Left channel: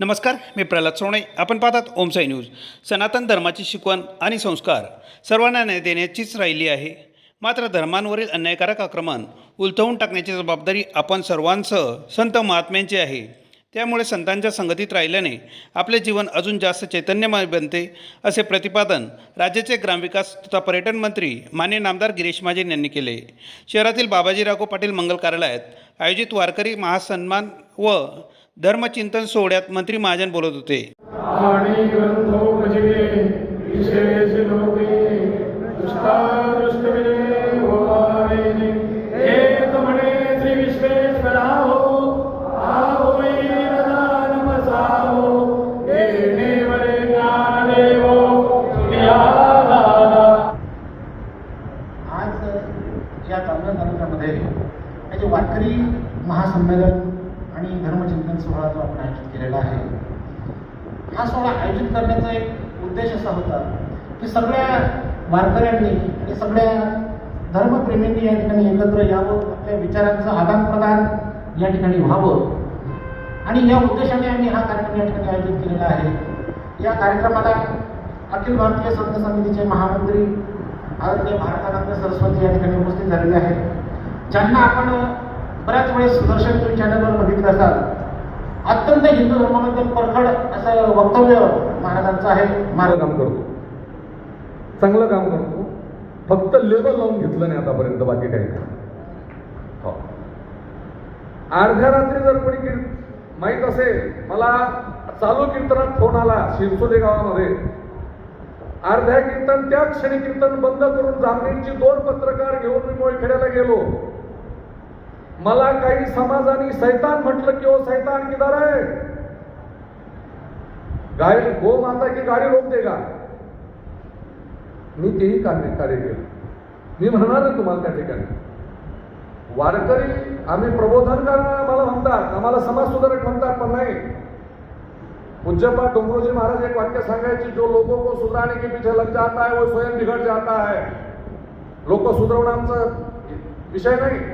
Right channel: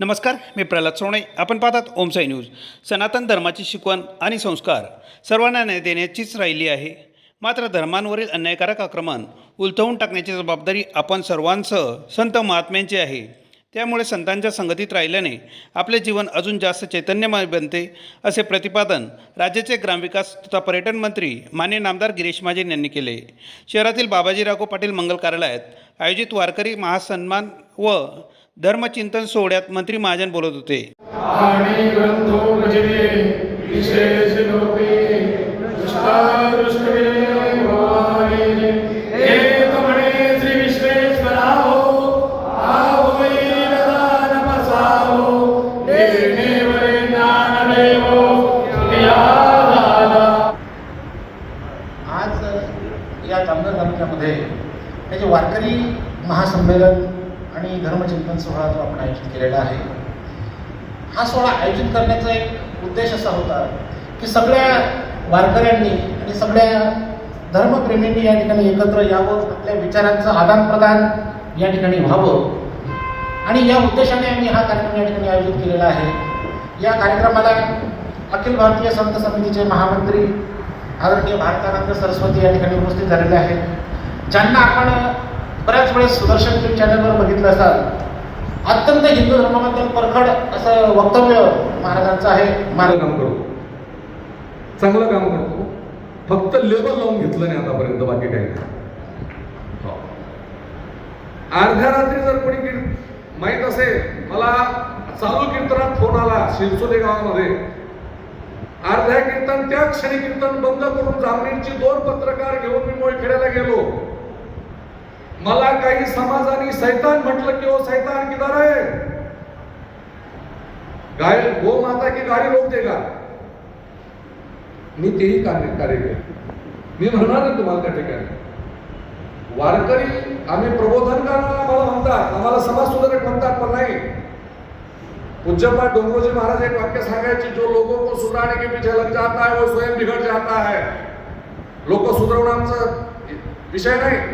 नमस्कार मी प्रल्हाद सोणे आपण पाहतात ओमसाई न्यूज. सनातन धर्माची शिकवण आणि संस्कार सर्वांना न्याय देण्याचीच राहिली आहे. मात्र धर्मांवरील अन्यायकारक आक्रमण उलथवून टाकण्याची जबाबदारी आपण सर्वांसह संत महात्म्यांची आहे. त्यामुळे संतांच्या संगतीत राहिल्याने आपले जीवन अजून जास्त चैतन्यमय बनते असे प्रतिपादन राज्याचे ग्रामविकास तथा पर्यटन मंत्री मान्य नामदार गिरीश महाजन यांनी केले. शहरातील बाबाजी राघो पाटील मंगल कार्यालयात आयोजित वारकरी महासन्मान व धर्मचिंतन सोहळ्यात मंत्री महाजन बोलत होते. आज या जामनेर तालुक्यामध्ये हे जे वारकरी महासंमेलन आणि धर्मचिंतन सोहळा जो आपण आयोजित केलेला आहे हा सोहळा आयोजित करण्याचा एक उद्देश असा होता की सगळ्या वारकऱ्यांनी आणि सगळ्या धर्मप्रेमींनी या ठिकाणी एकत्र यावं आपल्या विचारांचं आदानप्रदान या ठिकाणी व्हावं. आणि या उद्देशाने आम्ही हा कार्यक्रम या ठिकाणी आयोजित केलेला आहे. या कार्यक्रमाला अखिल भारतीय संत समितीचे महामंत्री आदरणीय भारतानंद सरस्वती या ठिकाणी उपस्थित झालेले आहेत. ज्यांना आपण बऱ्याच वेळेस सुदर्शन न्यूज चॅनलवर बघितलं असाल अत्यंत हिंदू धर्माबद्दल परखड असं वक्तव्य महाराजांचं आहे. महाराज काम करतो चांगलं काम करतो फक्त लेबल लावून घेतलं नाही आतापर्यंत बाकी काही हो. अर्ध्या रात्री जर कोणी कीर्त माहीत असेल मला चालू कीर्तनात फोन आला शिरसोले गावामध्ये. अर्ध्या कीर्तन त्या क्षणी कीर्तन बंद करून जामनेरची दोन पत्रकार घेऊन मी मोळखेड्याला गेलो. मला काही समाजाने सैतान म्हटलं की ओ सैतान किधर आहे गाय गो माता की गाडी रोक देगा। मी तेही कार्य कार्य केलं मी म्हणणार आहे तुम्हाला त्या ठिकाणी। वारकरी आम्ही प्रबोधन करणार आम्हाला म्हणतात आम्हाला समाज सुधारक म्हणतात पण नाही. पूज्यपाठ डोंगरोजी महाराज एक वाक्य सांगायचे जो लोगों को सुधारने के पीछे लग जाता है वो स्वयं बिघड जाता है. लोक सुधारवणं आमचा विषय नाही.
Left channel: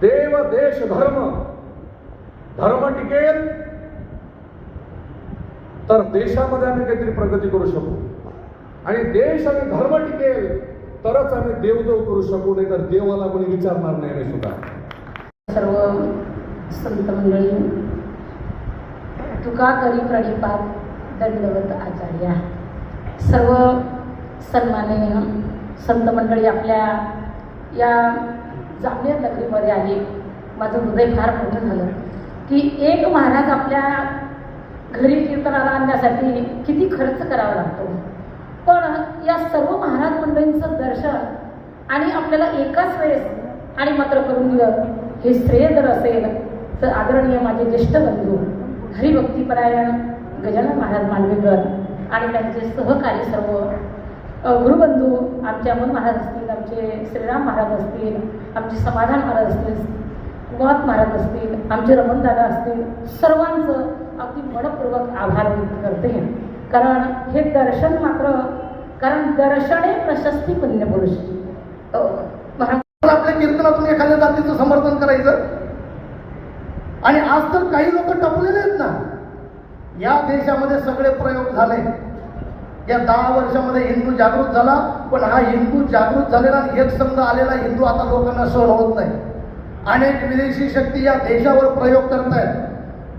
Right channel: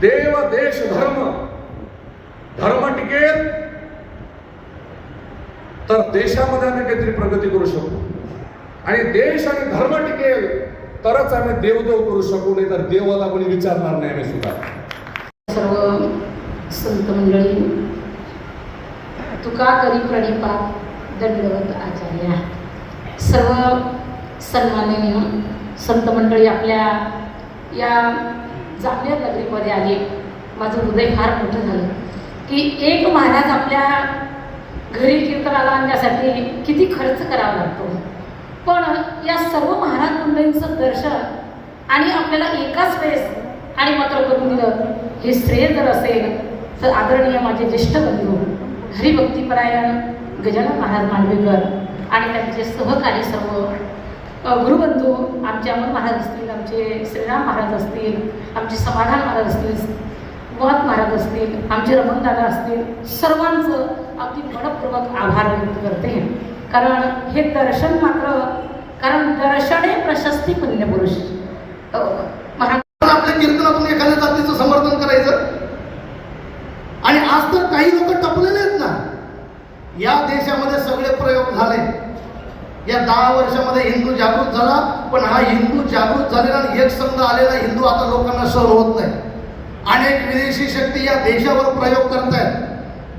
देव देश धर्म. धर्म टिकेल तर देशामध्ये आम्ही काहीतरी प्रगती करू शकू. आणि देश आणि धर्म टिकेल तरच आम्ही देवदेव करू शकू नाही तर देवाला कोणी विचारणार नाही आम्ही सुद्धा. सर्व संत मंडळी तुका करी प्रणिपा दंडवत आचार्य सर्व सन्माननीय संत मंडळी आपल्या या जामनेर नगरीमध्ये आली माझं हृदय फार मोठं झालं. की एक महाराज आपल्या घरी कीर्तनाला आणण्यासाठी किती खर्च करावा लागतो. पण या सर्व महाराज मंडळींचं दर्शन आणि आपल्याला एकाच वेळेस आणि मात्र करून दिलं हे श्रेय जर असेल तर आदरणीय माझे ज्येष्ठ बंधू हरिभक्तीपरायण गजानन महाराज मांडवेकर आणि त्यांचे सहकारी सर्व गुरुबंधू आमचे अमोल महाराज असतील आमचे श्रीराम महाराज असतील आमचे समाधान महाराज असतील गोवात महाराज असतील आमचे रमणदादा असतील सर्वांचं अगदी मनपूर्वक आभार व्यक्त करते कारण हे दर्शन मात्र कारण दर्शने प्रशस्ती पुण्यपुरुष. आपल्या कीर्तनातून एखाद्या जातीचं समर्थन करायचं? आणि आज तर काही लोक टपलेले आहेत ना? या देशामध्ये सगळे प्रयोग झाले. या दहा वर्षामध्ये हिंदू जागृत झाला पण हा हिंदू जागृत झालेला आणि एक संघ आलेला हिंदू आता लोकांना सहन होत नाही. अनेक विदेशी शक्ती या देशावर प्रयोग करत आहेत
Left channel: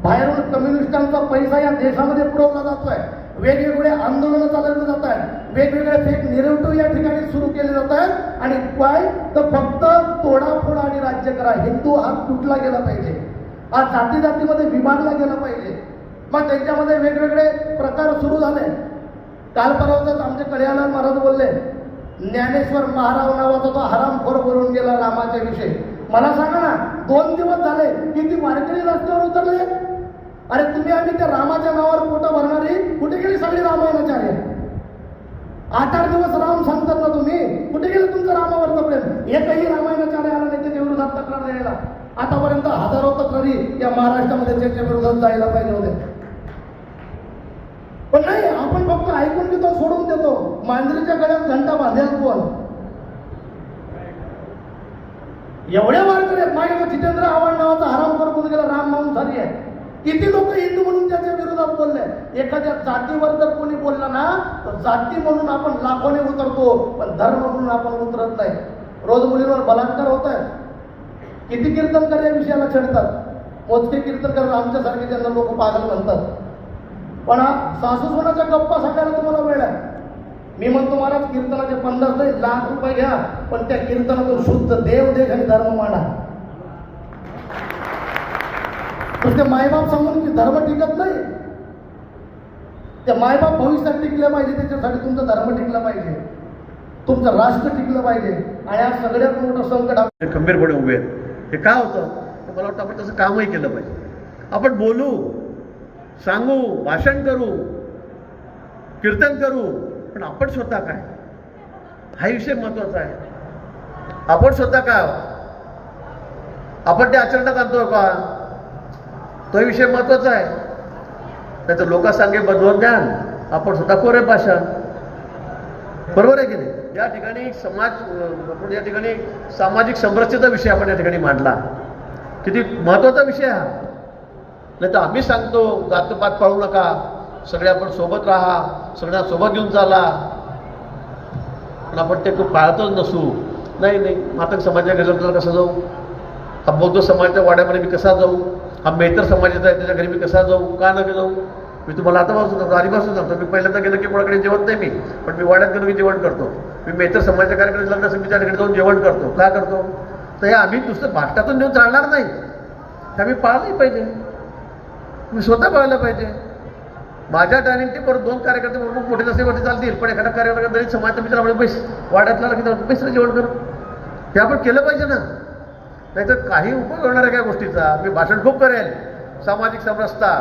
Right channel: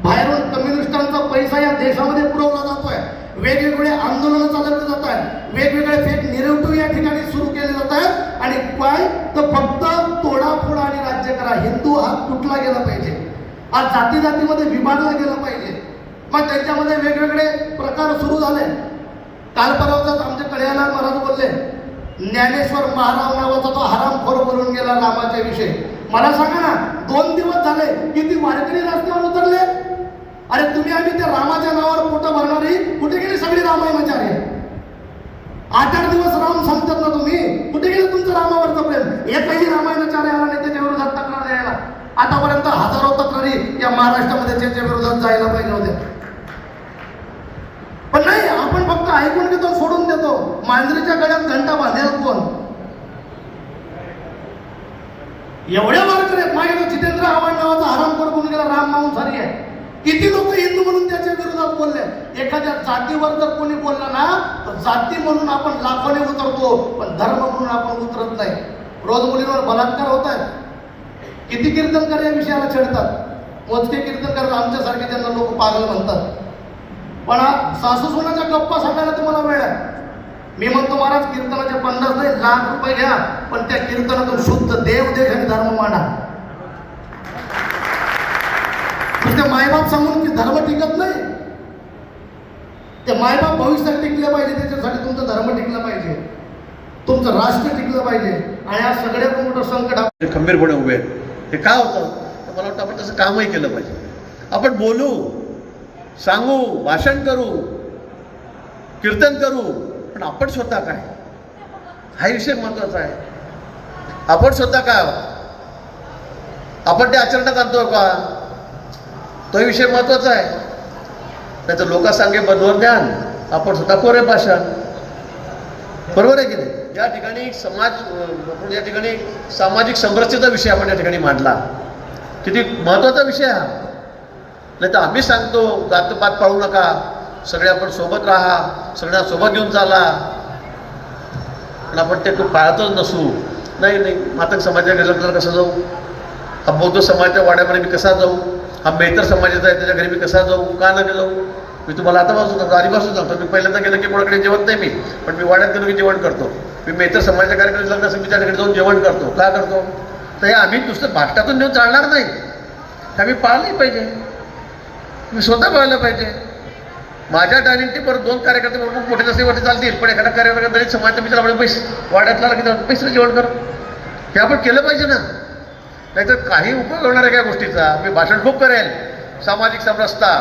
बाहेरून कम्युनिस्टांचा पैसा या देशामध्ये पुरवला जातोय. वेगवेगळे आंदोलनं चालवले जात आहेत वेगवेगळे फेक निरवटू या ठिकाणी सुरू केले जात आहेत आणि काय? तर फक्त तोडाफोडा आणि राज्य करा. हिंदू हा तुटला गेला पाहिजे. आज जाती जातीमध्ये विभागला गेला पाहिजे. मग त्यांच्यामध्ये वेगवेगळे प्रकार सुरू झाले. काल परवाचाच आमचे कल्याण महाराज बोलले ज्ञानेश्वर महाराव नावाचा तो हरामखोर बोलून गेला रामाच्या विषयी. मला सांगा ना दोन दिवस झाले किती वारकरी रस्त्यावर उतरले? अरे तुम्ही आम्ही त्या रामाच्या नावावर पोटं भरणारी कुठे गेली सगळी रामायणाचार्य आठ आठ दिवस राम सांगतात ना तुम्ही कुठे गेले तुमचं रामावरचं प्रेम? एकही रामायणाचार्य आला नाही त्याच्या विरोधात तक्रार द्यायला. आतापर्यंत हजारो तक्रारी या महाराष्ट्रामध्ये त्याच्या विरोधात जायला पाहिजे होत्या पण नाही आपण फक्त ऐकून घेतो सोडून देतो. मांजरीच्या गळ्यात घंटा बांधेल कोण? एवढ्या वारकरी आहेत. मागे जितेंद्र आव्हाड नावाचा हरामखोर कोण गेला राम माऊन झाली आहे. किती लोक हिंदू विरोधात बोलले? एखाद्या जातीवर जर कोणी बोलला ना तर जाती म्हणून आपण लाखोने उतरतो पण धर्म म्हणून आपण उतरत नाही. रोज मुलींवर बलात्कार होत आहे किती कीर्तनकार या विषयाला छेडतात? मोजके कीर्तनकार आमच्यासारखे त्यांना लोक पागल म्हणतात. पण हा सासू सोनाच्या गप्पा सांगायला तुम्हाला वेळ आहे. मी म्हणतो महाराज कीर्तनाचे पन्नास नाही लाख रुपये घ्या पण त्या कीर्तनातून शुद्ध देव देश आणि धर्म मांडा. नुसते मायबाप सांगून की धर्म टिकत नाही. ते मायबाप भविष्यात टिकले पाहिजे त्याच्यासाठी तुमचं धर्म टिकलं पाहिजे. तुमचं राष्ट्र टिकलं पाहिजे. आणि या सगळ्यात मोठं संकट खंबीरपणे उभे हे का होतं? मला वाटतं आपण तसं कामही केलं पाहिजे. आपण बोलू. सांगू भाषण करू कीर्तन करू पण आपण स्वतः काय? हा विषय महत्त्वाचा आहे. आपण स्वतः काय आपण ते आचरणात आणतो का? तो विषय महत्त्वाचा आहे. नाही तर लोक सांगे बरोबर ज्ञान आपण स्वतः कोरे भाषण. बरोबर आहे की नाही? या ठिकाणी समाज या ठिकाणी सामाजिक समरसतेचा विषय आपण या ठिकाणी मांडला. किती महत्त्वाचा विषय हा. नाही तर आम्ही सांगतो जातपात पाळू नका. सगळे आपण सोबत राहा सगळ्या सोबत घेऊन चाला. पण आपण ते पाळतच नसू. नाही नाही मातक समाजाच्या गेलं तर कसं जाऊ? हा बौद्ध समाजाच्या वाड्यामध्ये मी कसा जाऊ? हा मेहतर समाजाचा आहे त्याच्या घरी मी कसा जाऊ? का नका जाऊ? मी तुम्हाला आता पासून सांगतो आधीपासून सांगतो मी पहिल्यांदा गेलं की कोणाकडे जेवत नाही मी. पण मी वाड्यात गेलो की जेवण करतो. मी मेहतर समाजाच्या कार्यक्रम लग्न असेल मी त्याच्याकडे जाऊन जेवण करतो. का करतो? तर हे आम्ही नुसतं भाष्टातून नेऊन चालणार नाही. हे आम्ही पाळलंही पाहिजे. मी स्वतः पाळलं पाहिजे. माझ्या डायनिंग परत दोन कार्यकर्ते खूप मोठे नसेवरती चालतील पण एखादा कार्यकर्ता दलित समाज मित्र म्हणजे पैसे वाड्यातला की पैसे जेवण करू हे आपण केलं पाहिजे ना. नाहीतर काही उपयोग होणार आहे काय गोष्टीचा? मी भाषण खूप करेल. सामाजिक समरसता